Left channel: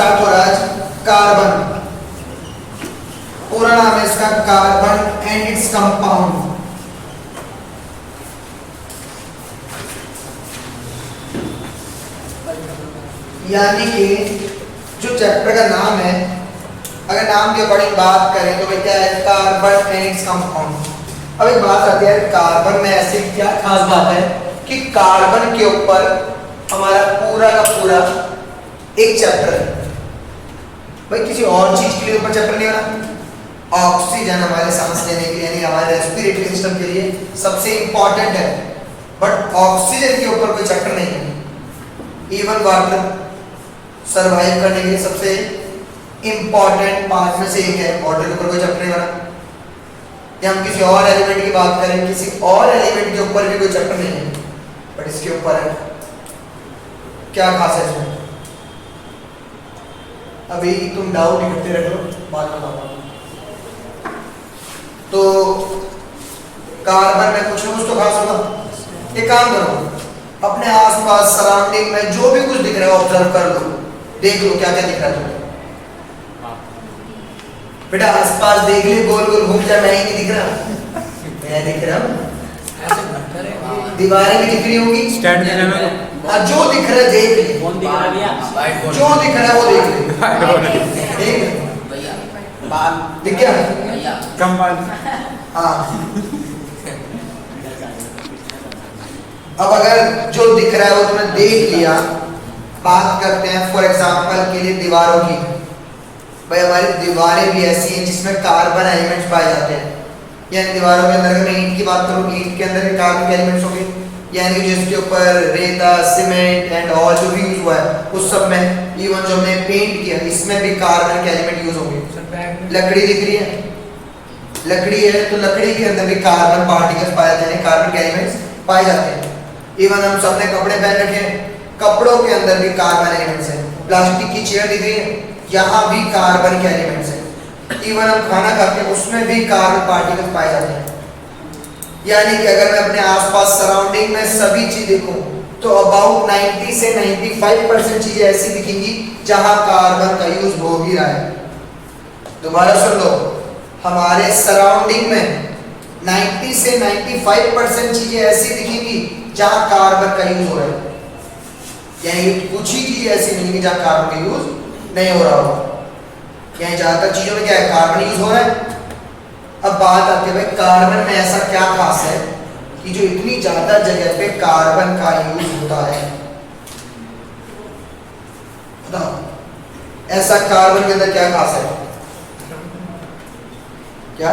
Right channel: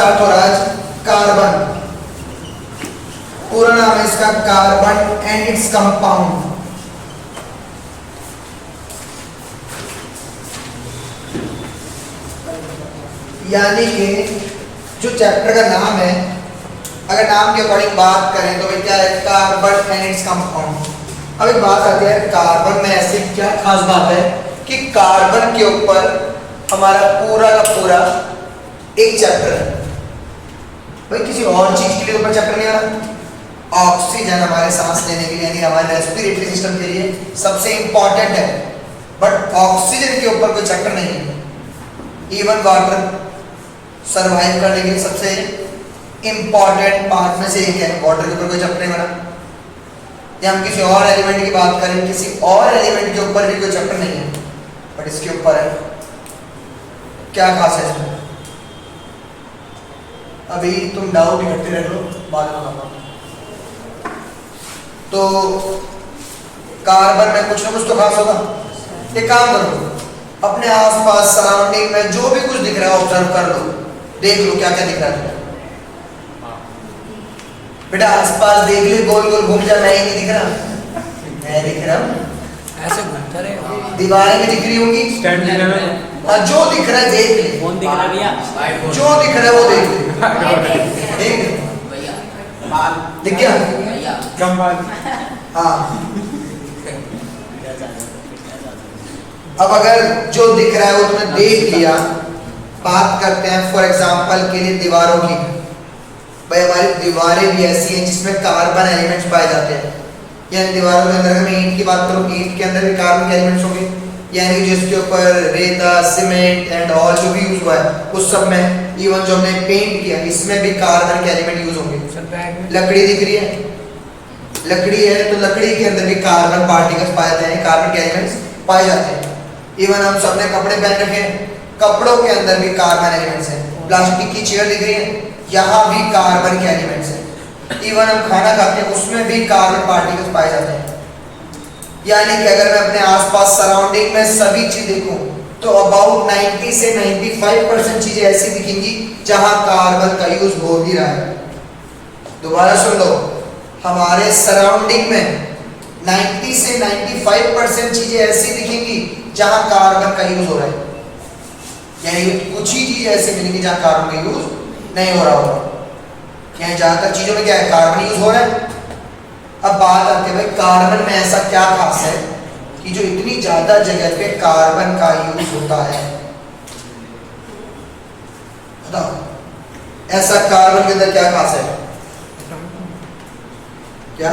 Start हो रहा है कार्बन। पूरा नाम है इसका कार्बन एंड इट्स कंपाउंड। यानी कि जो चैप्टर का नाम है, अगर नाम के अकॉर्डिंग बात करें तो क्या है, कार्बन एंड इट्स कंपाउंड। अब एक बात आती है, कार्बन में ऐसी क्या खास बात है कि कार्बन के ऊपर हमारा पूरा का पूरा एक चैप्टर है। भाई किसी और चीज के लिए ऊपर चैप्टर नहीं रहा। ऑक्सीजन हमारे सांस लेने के लिए यानी हमारे रेस्पिरेटरी सिस्टम के लिए सबसे इंपॉर्टेंट है, बट ऑक्सीजन के ऊपर कोई चैप्टर नहीं है। इवन वाटर सर्वाइव करने के लिए सबसे इंपॉर्टेंट पार्ट में से एक है, वाटर के ऊपर कोई चैप्टर नहीं बना। या हम किसी और एलिमेंट की बात करें, किसी और एलिमेंट के ऊपर भी कोई चैप्टर नहीं है, बट इसके ऊपर है। क्या खास है इसमें? अभी तुम डाउट करते रहो, बाद में बताऊंगा। तो कार्बन में कुछ ना कुछ तो खास होगा। एक काम करो, अपने आसपास सराउंडिंग में जो भी कुछ दिख रहा है ऑब्जर्व कर लो, देख लो क्या क्या दिख रहा है। बेटा आसपास देख ले, गोल गोल घूम जा, मैं ही नहीं दिख रहा, मैं दिख रहा हूँ। ऐसे घूमते रहे, दीवारें भी दिख रही होंगी। हाँ, जो दिख रहा है देख ले, जो दिख रहा है वो देख ले। ठीक दिख गया? हाँ। अब अगर जो दिख रहा है वो तुमने देख लिया, बात करते हैं फॉर एग्जांपल के लिए दीवारों की। भाई हमारी दीवारें भी ऐसी हैं जिसमें कार्बन एलिमेंट्स पाए जाते हैं। यानी दीवारों के अंदर, अगर मैं ईंट की बात करूँ, ईंट के अंदर भी कार्बन के एलिमेंट्स होंगे। यानी जिसके ऊपर रेता, सीमेंट एंड ऑल जो भी यूज हुआ है उस सब में, इवन जो हमने पेंट किया इसमें भी कार्बन के एलिमेंट यूज होंगे। लकड़ी दिख रही है, लकड़ी है तो लकड़ी के अंदर भी कार्बन पार्टिकल्स पाए जाते हैं, कार्बन के एलिमेंट्स पाए जाते हैं। इवन हम सबने कपड़े पहन रखे हैं, कपड़ों के अंदर भी कार्बन एलिमेंट्स हैं। प्लास्टिक की चेयर दिख रही है, यहाँ भी कार्बन के एलिमेंट्स हैं। इवन हम खाना खाते हैं उसमें भी कार्बन पार्टिकल्स पाए जाते हैं। यानी कि अगर मैं अपने आसपास सराउंडिंग में सभी चीज देखूं तो अबाउट 90 से 95% चीजें ऐसी दिखेंगी जहां कार्बन का यूज हो भी रहा है। दोबारा सुन लो, हमारे सराउंडिंग में 90 से 95% चीजें ऐसी दिखेंगी जहां कार्बन का यूज हो रहा है। यानी कुछ ही चीज ऐसी मिलेंगी जहां कार्बन का यूज नहीं हो रहा होगा। यानी ज्यादातर चीजों में क्या है, कार्बन यूज हो रहा है। अब बात आती है भाई कार्बन में ऐसा क्या खास है कि जो इतनी ज्यादा जगह पे कार्बन का यूज होता है। बताओ ऐसा कार्बन के अंदर क्या खास है? क्या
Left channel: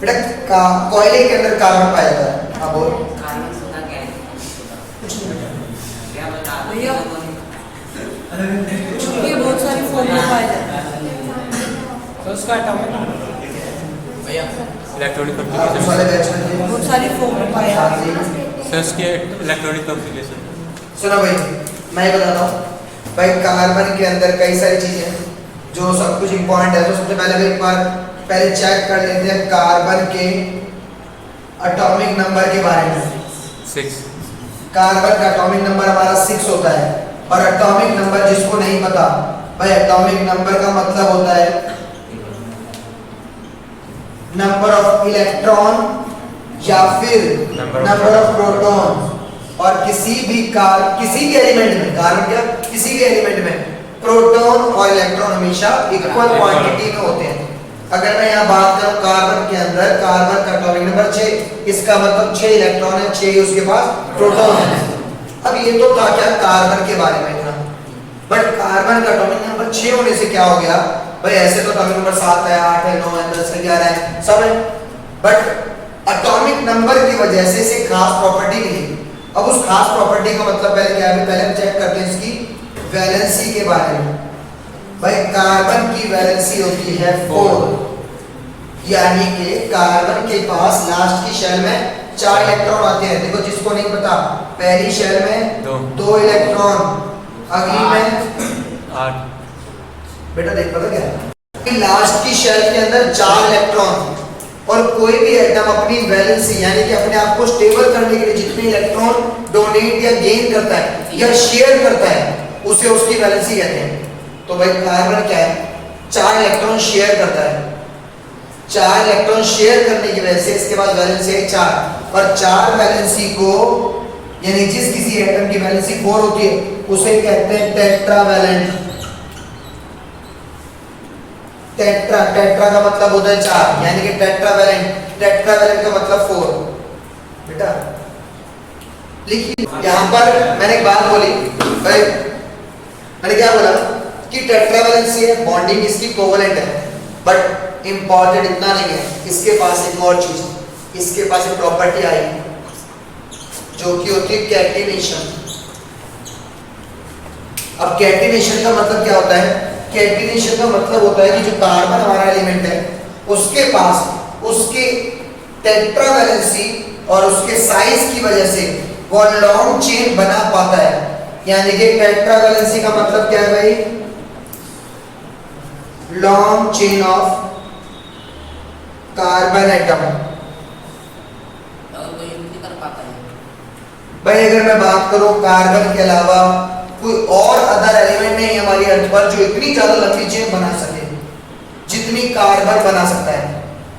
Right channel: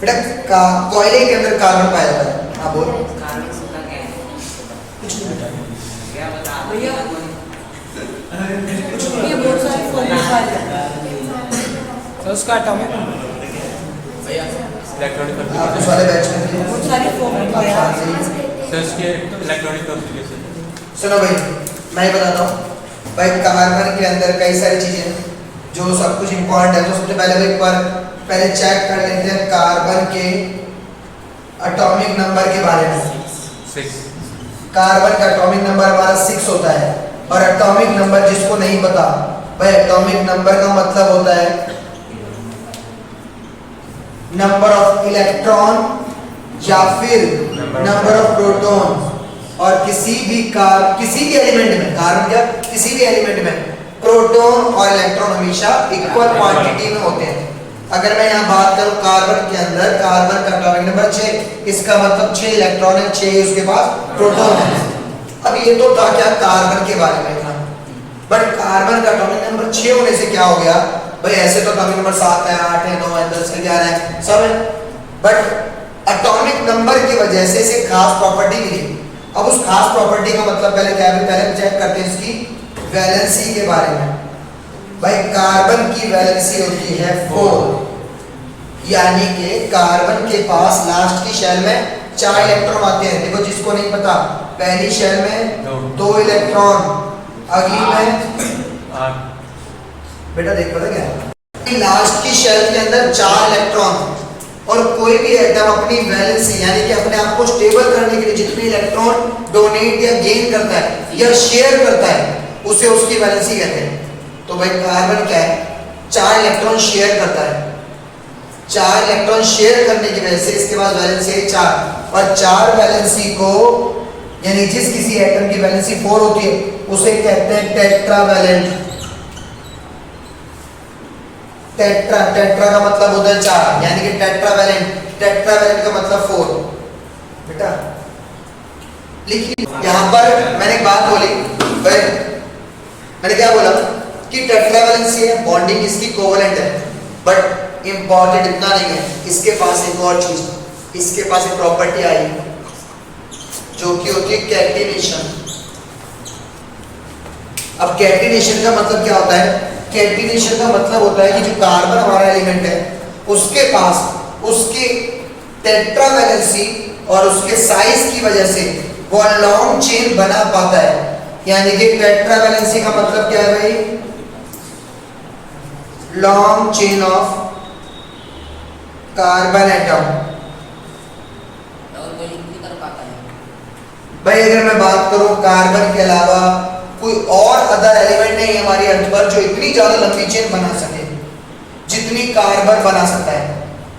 बेटा कोयले के अंदर कार्बन पाया जाता है। हाँ बोल। कुछ नहीं बेटा, ये बहुत सारी फॉर्मूला पाए जाते हैं। तो उसका एटॉमिक आप उस वाले बैच में बहुत सारी फॉर्मूला पाए जाते हैं। सुनो भाई, मैं बताता हूँ भाई, कार्बन के अंदर कई सारी चीजें हैं जो सब कुछ इंपॉर्टेंट है। तो सबसे पहले एक बार पहले चेक कर लेते हैं कार्बन के एटॉमिक नंबर के बारे में। 6। कार्बन का एटॉमिक नंबर हमारा 6 होता है। और एटॉमिक नंबर जिसको नहीं पता भाई, एटॉमिक नंबर का मतलब होता है नंबर ऑफ इलेक्ट्रॉन या फिर नंबर ऑफ प्रोटॉन। और किसी भी एलिमेंट में, कार्बन क्या, किसी भी एलिमेंट में प्रोटॉन और इलेक्ट्रॉन हमेशा इक्वल क्वांटिटी में होते हैं। अगर मैं यहाँ बात करूँ कार्बन के अंदर, कार्बन का एटॉमिक नंबर 6, इसका मतलब 6 इलेक्ट्रॉन है, 6 उसके पास प्रोटॉन है। अब ये तो था क्या कार्बन के बारे में था, बट कार्बन का एटॉमिक नंबर 6 होने से क्या हो गया भाई, ऐसे तो एटॉमिक नंबर 7 है, 8 है, 9 है, 10 है, 11 है, सब है, बट एटॉमिक नंबर की वजह से इसे खास प्रॉपर्टी मिली। अब उस खास प्रॉपर्टी का मतलब पहले क्या है, पहले चेक करते हैं इसकी वैलेंसी के बारे में। भाई कार्बन की वैलेंसी होती है 4, यानी कि कार्बन के पास लास्ट की शेल में 4 इलेक्ट्रॉन आते हैं। देखो जिसको नहीं पता, पहली शेल में 2 इलेक्ट्रॉन, अगली में 8। बेटा देख पता क्या, लास्ट की शेल के अंदर 4 इलेक्ट्रॉन, और कोई भी एटम अपनी वैलेंसी यानी कि अपने आप को स्टेबल करने के लिए जितने इलेक्ट्रॉन डोनेट या गेन करता है या शेयर करता है उसे उसकी वैलेंसी कहते हैं। तो भाई कार्बन क्या है, 4 इलेक्ट्रॉन शेयर करता है, 4 इलेक्ट्रॉन शेयर करने की वजह से इसके पास वैलेंसी है 4, और 4 वैलेंसी को यानी जिस किसी एटम की वैलेंसी 4 होती है उसे कहते हैं टेट्रावैलेंट। टेट्रा का मतलब होता है 4 यानी कि टेट्रावैलेंट का मतलब 4। बेटा लिखिए यहां पर मैंने एक बात बोली, भाई मैंने क्या बोला कि टेट्रावैलेंसी है, बॉन्डिंग इसकी कोवलेंट है, बट इंपॉर्टेंट इतना नहीं है, इसके पास एक और चीज, इसके पास एक प्रॉपर्टी आई जो कि होती है कैटिनेशन। अब कैटिनेशन का मतलब क्या होता है, कैटिनेशन का मतलब होता है कि जो कार्बन हमारा एलिमेंट है उसके पास उसके टेट्रावैलेंसी और उसके साइज की वजह से वो लॉन्ग चेन बना पाता है। यानी कि टेट्रावैलेंसी का मतलब क्या है भाई, long chain of carbon atom. भाई अगर मैं बात करूं कार्बन के अलावा कोई और अदर एलिमेंट नहीं हमारी अर्थ पर जो इतनी ज्यादा लंबी चेन बना सके जितनी कार्बन बना सकता है,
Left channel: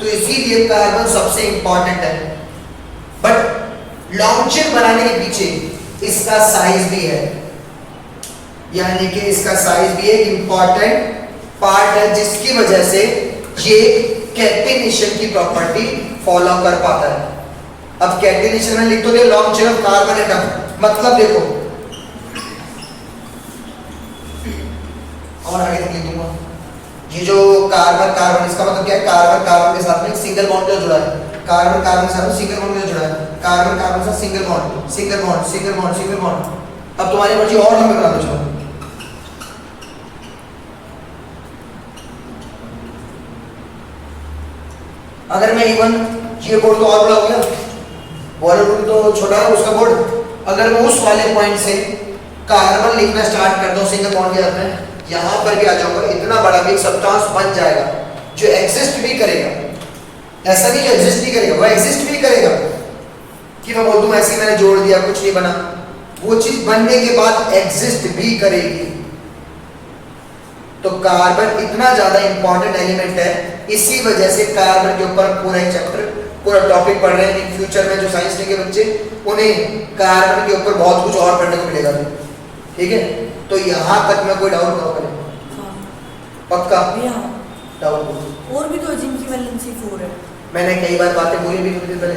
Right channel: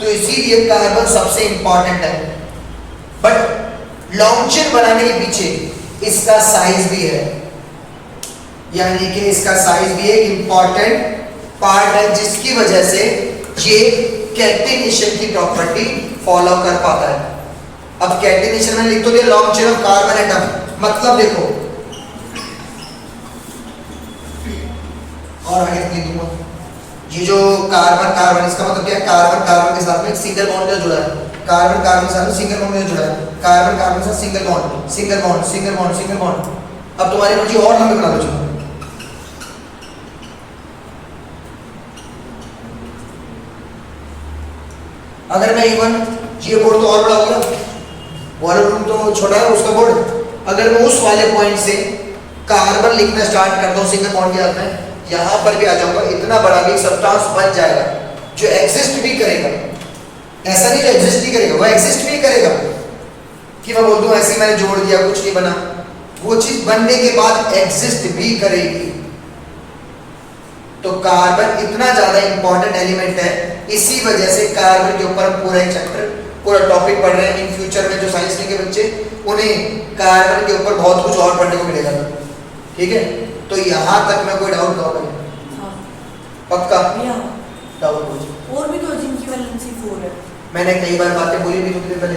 तो इसीलिए कार्बन सबसे इंपॉर्टेंट है। बट लॉन्ग चेन बनाने के पीछे इसका साइज भी है, यानी कि इसका साइज भी एक इंपॉर्टेंट पार्ट है जिसकी वजह से ये कैटिनेशन की प्रॉपर्टी फॉलो कर पाता है। अब कैटिनेशन में लिख तो दिया long chain of carbon atom, मतलब देखो और आगे लिखूंगा ये जो कार्बन इसका मतलब क्या है, कार्बन के साथ में एक सिंगल बॉन्ड जुड़ा है, कार्बन के साथ में सिंगल बॉन्ड जुड़ा है, कार्बन के साथ सिंगल बॉन्ड। अब तुम्हारी मर्जी और लंबे बना दो। अगर मैं इवन ये बोर्ड तो और बड़ा हो गया, वाला रूम तो छोटा है उसका बोर्ड, अगर मैं उस वाले पॉइंट से कार्बन लिखना स्टार्ट करता हूँ सिंगल बॉन्ड के साथ में, यहां पर भी आ जाऊंगा, इतना बड़ा भी सब्सटेंस बन जाएगा जो एग्जिस्ट भी करेगा। ऐसा नहीं जो एग्जिस्ट नहीं करेगा, वो एग्जिस्ट भी करेगा कि मैं बोल दूं ऐसे मैंने जोड़ दिया कुछ नहीं बना, वो चीज बनने के बाद एग्जिस्ट भी करेगी। तो कार्बन इतना ज्यादा इंपॉर्टेंट एलिमेंट है, इसी वजह से कार्बन के ऊपर पूरा एक चैप्टर पूरा टॉपिक पढ़ रहे हैं। इन फ्यूचर में जो साइंस के बच्चे उन्हें कार्बन के ऊपर बहुत कुछ और पढ़ने को मिलेगा, ठीक है। तो यहाँ तक मैं कोई डाउट करो पक्का डाउट और भी तो जिनकी वैलेंसी 4 है। मैंने कई बार बातें बोली भी तुमसे पहले,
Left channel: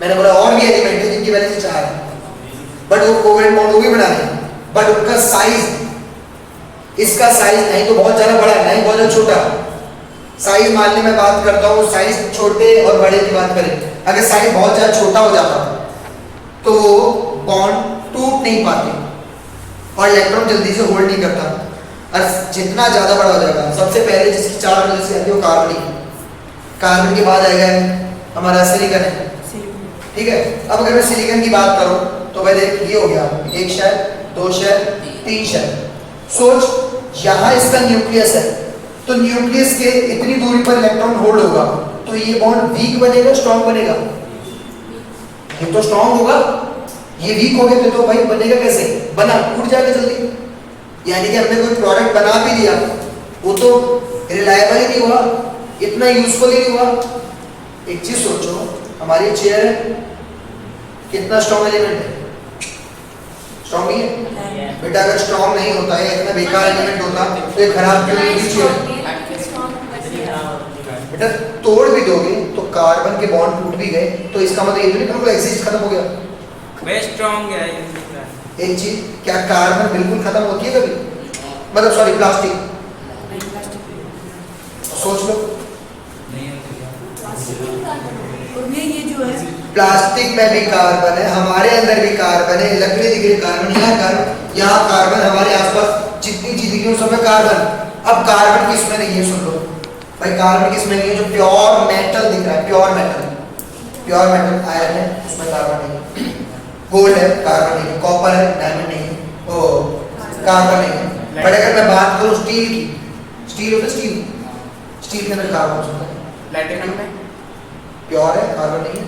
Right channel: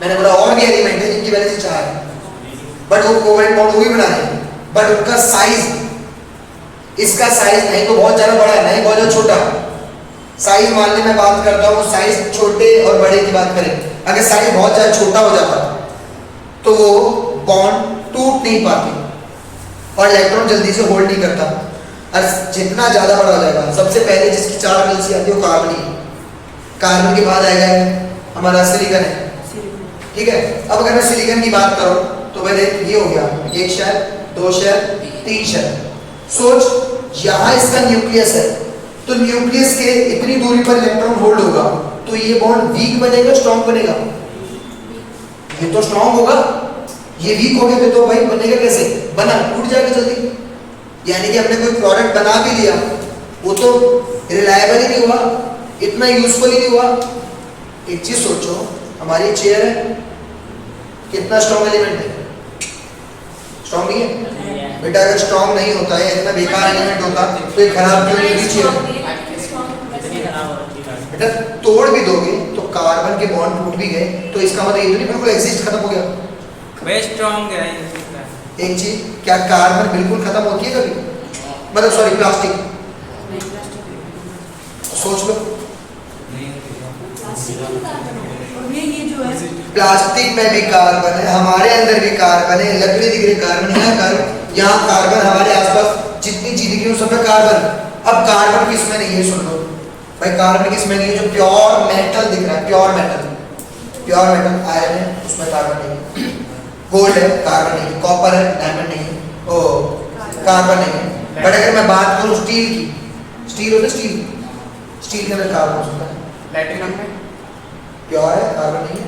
मैंने बोला और भी एलिमेंट है जिनकी वैलेंसी 4 है, बट वो कोवेलेंट बॉन्ड वो भी बनाते हैं, बट उनका साइज इसका साइज नहीं तो बहुत ज्यादा बड़ा है, नहीं बहुत ज्यादा छोटा। साइज मान ली मैं बात करता हूँ, साइज छोटे और बड़े की बात करें, अगर साइज बहुत ज्यादा छोटा हो जाता तो वो बॉन्ड टूट नहीं पाते और इलेक्ट्रॉन जल्दी से होल्ड नहीं करता। और जितना ज्यादा बड़ा हो जाएगा, सबसे पहले जिसकी 4 वैलेंसी आती है वो कार्बन ही है, कार्बन के बाद आएगा हमारा सिलिकॉन है, ठीक है। अब अगर मैं सिलिकॉन की बात करूं तो वह देख ये हो गया 1 शेल 2 शेल 3 शेल। सोच यहाँ इसका न्यूक्लियस है, तो न्यूक्लियस के इतनी दूरी पर इलेक्ट्रॉन होल्ड होगा, तो ये बॉन्ड वीक बनेगा स्ट्रॉन्ग बनेगा? ये तो स्ट्रॉन्ग होगा, ये वीक हो गया तो भाई बनेगा कैसे, बना टूट जाएगा जल्दी। यानी कि हमने कोई प्रोडक्ट बना भी दिया वो तो रिलायबल ही नहीं हुआ, इतना यूजफुल ही नहीं हुआ। एक चीज सोचो, हमारी चेयर है, कितना स्ट्रॉन्ग एलिमेंट है, स्ट्रॉन्ग नहीं है बेटा। अगर स्ट्रॉन्ग नहीं होता है, इतना बेकार एलिमेंट होता तो ये खराब क्यों नहीं चेयर बेटा। तोड़ भी दोगे तो कार्बन के बॉन्ड टूट भी गए, तो इसका मतलब ये तो नहीं बिल्कुल एग्जिस्ट खत्म हो गया। स्ट्रॉन्ग है एक चीज, क्या कार्बन बिल्कुल खत्म होती है कभी, मतलब सॉरी प्लास्टिक, सोच लो ये जो है प्लास्टिक में भी कार्बन है, हमारे अंदर भी कार्बन है, लकड़ी दिख रही कार्बन, यहाँ कार्बन, हमारे आसपास जितनी चीज दिख रही है सब में कार्बन। अब कार्बन किस में नहीं है, सुन लो भाई, कार्बन किस में नहीं है, जो प्योर मेटल दिख रहा है, प्योर मेटल आयरन है उसमें कार्बन नहीं है, गोल्ड है कार्बन नहीं है, कॉपर है डायमंड नहीं है, ओ कार्बन नहीं है। बट अगर मैं बात करूं स्टील की, स्टील होता है स्टील के अंदर कार्बन होता है, प्लैटिनम में प्योर है, कार्बन नहीं है।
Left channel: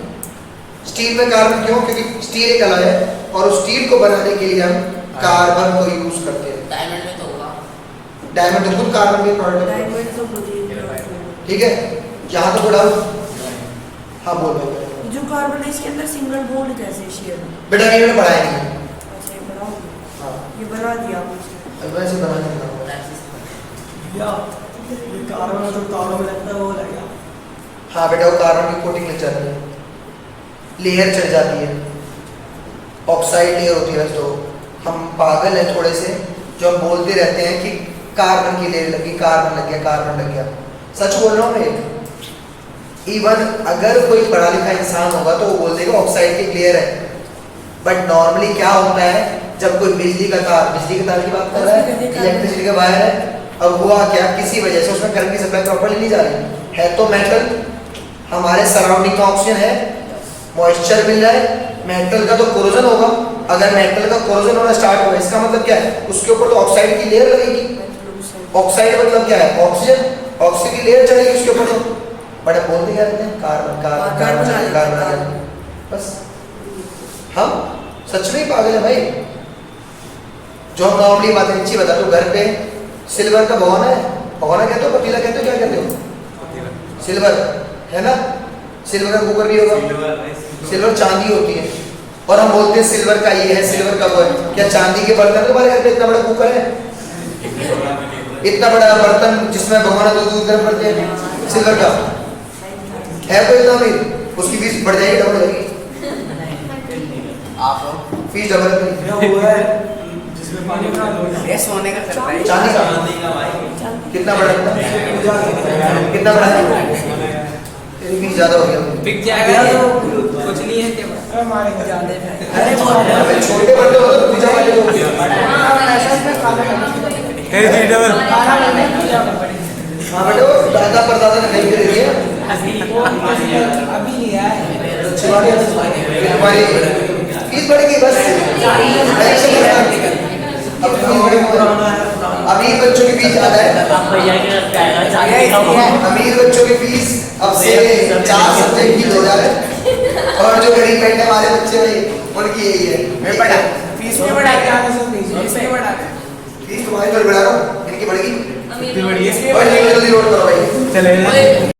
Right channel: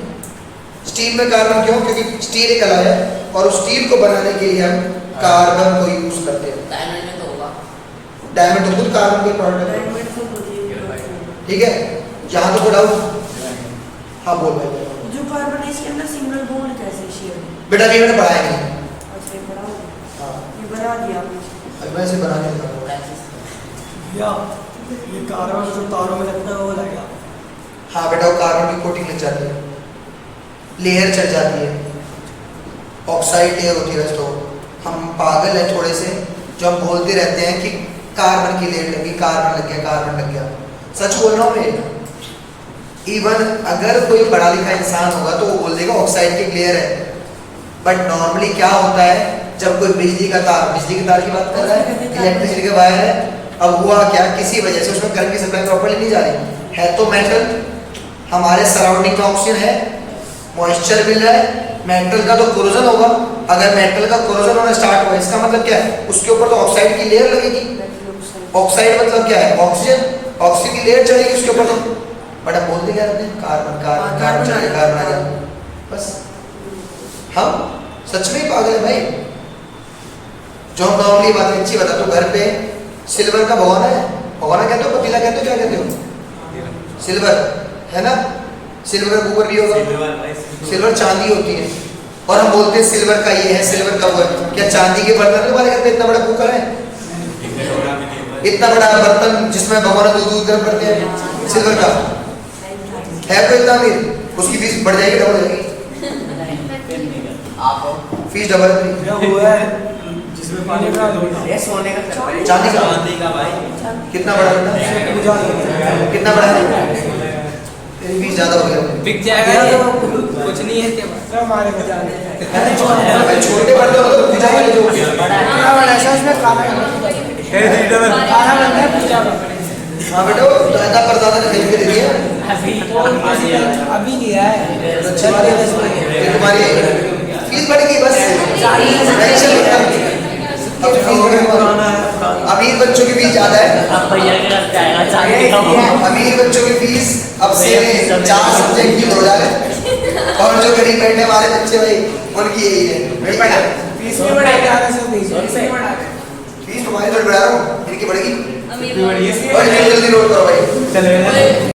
स्टील में कार्बन क्यों? क्योंकि स्टील एक अलाय है और उस स्टील को बनाने के लिए हम कार्बन को यूज करते हैं। डायमंड में तो होगा। डायमंड तो खुद कार्बन के प्रोडक्ट है, डायमंड तो मुझे ठीक है। यहाँ तो कोई डाउट? हाँ बोल रहे जो कार्बन है इसके अंदर सिंगल बॉन्ड कैसे शेयर बेटा, नहीं मैंने पढ़ाया नहीं। ऐसे बड़ा हो हाँ, ये बना दिया आपने। अब मैं इसे बनाने नहीं पढ़ा। या ये कार्बन जो तारों में लगता है वो लग गया। हाँ बेटा, वो कार्बन की कोटिंग लग जाती है, लेयर चढ़ जाती है, ऑक्साइड लेयर होती है। तो हम पागल हैं थोड़े से जो हम बोलते रहते हैं कि कार्बन की लेयर लगी, कार्बन लग गया, कार्बन लग गया। सच बोल रहा हूँ मैं। इवन अगर कोई पढ़ा लिखा इंसान होगा तो वो बोल देगा ऑक्साइड की लेयर है, बट नॉर्मली क्या होता है, जब कोई बिजली का तार की बात कर रहा है, इलेक्ट्रिसिटी का वायर है, अब हुआ क्या, किसी वजह से उसमें करंट की सप्लाई प्रॉपर्ली नहीं जा रही है, तो मेटल, हमारे सराउंडिंग में ऑक्सीजन है, मॉइस्चर मिल रहा है, मेटल का तो कोरोजन होगा। अगर मेटल का कोरोजन होना स्टार्ट हुआ, इसका मतलब क्या है, उसके ऊपर तो ऑक्साइड की लेयर लगेगी। ऑक्साइड मतलब क्या है, ऑक्सीजन, ऑक्सीजन की लेयर चढ़ेगी उसके ऊपर। तो बड़ा बोलते क्या रहते हैं, कार्बन कार्बन कार्बन कार्बन आ गया, बस। हम सच में ही पागल है भाई। जो हम नॉर्मली बातें अच्छी बता, तो घर पे सिल्वर का भगोना है, भगोना कहते हो, पतीला कहते हो, क्या कहते हो? सिल्वर है ना, सिल्वर का कुकर भी होगा। सिल्वर चांदी होती है और हम बोलते हैं सिल्वर का ये है, सिल्वर का वो है। क्या चांदी के बर्तन तुम्हारे घर पे इतना बड़ा कुकर है, इतना बड़ा बर्तन जिसमें भगोना दूध गर्म करते हैं, सिल्वर का है? कोई इतना अमीर? उसकी फीस बढ़ जाएगी, डबल हो जाएगी, फीस डबल नहीं। या वो है जिसमें पानी का ये सोने का करता है। चांदी का कितना बड़ा बेटा, कितना बड़ा है? तेरी फीस ज्यादा हो गया। बिक जाएगा ये, कुछ नहीं है के बाद। हमारे को जाने अबे छोटे बड़े हो तो पूजा वाले लोग हाँ बेटा, वो दादा परदादा खरीद के दे दिए। अभी नहीं है। तुम्हारी फीस बढ़ेगी बस, टेंशन मत लो। अब फीस बढ़ेगी, अमीर बच्चों की फीस ज्यादा है, अमीर बच्चों की फीस अब से 4 सब्जेक्ट की हो जाए, और जो गरीब बैठे वाले बच्चे भाई उनकी यही है। फीस में बढ़ाएगा फीस तुम्हारी थोड़ी बढ़ा रहा हूँ, इनकी बढ़ेगी। अमीर और जल्दी लोड करो भाई। चलेगा।